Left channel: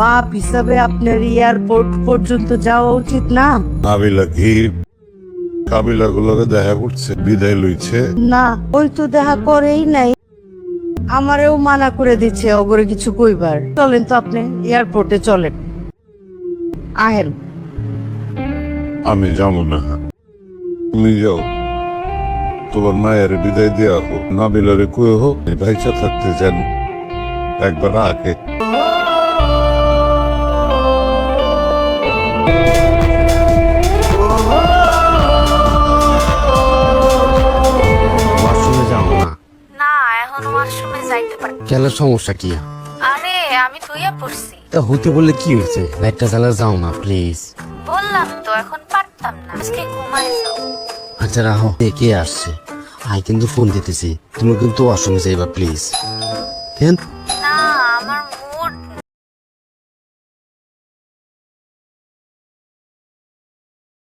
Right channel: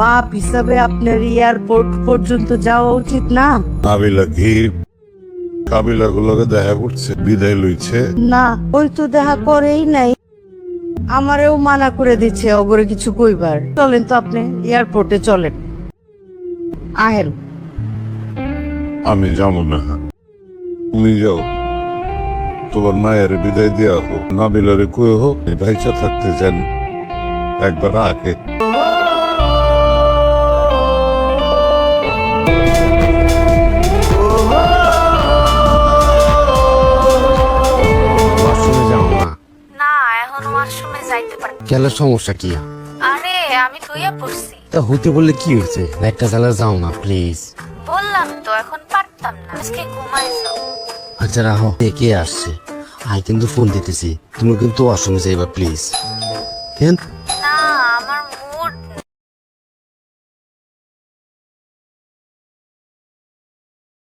বাপ হিসাবে আপনার এয়ারপোর্ট পর্যন্ত যাওয়া উচিত না? নাবিলা কি নাবিলা গুলোকে দেখা করছে, বিদায় লইছে। না, ওই তো দেখা করেই নাই। আমারেও মানা করে দিচ্ছে ওপরে কিছু কইবার। চলেন তো আপনি এয়ারপোর্টে চলেন, আহেন। আমি যাবো না, তুমি যাও। তোমার মায়ের বিদায় দেওয়া হোক, নাবিলারে কয়ে হোক ভাইসা থাকতে চান একবার আগে। না এখন ওয়াশরুমে যাইতে পারি। কেন, সমস্যা কি? আরে আমি ধুইয়া পড়ছি। তা হতে বললে কি হয়েছে? একটা জ্বালা যাও না প্লিজ। বললাম তো এখন পারতাম না, আজকে ঘুমাই যাও। আচ্ছা রাখো, কে আসছি। আই কিন্তু ফোন দিতেছি, তুমি কিন্তু ওয়াশরুমে যাইবা প্লিজ। কেন? না আমার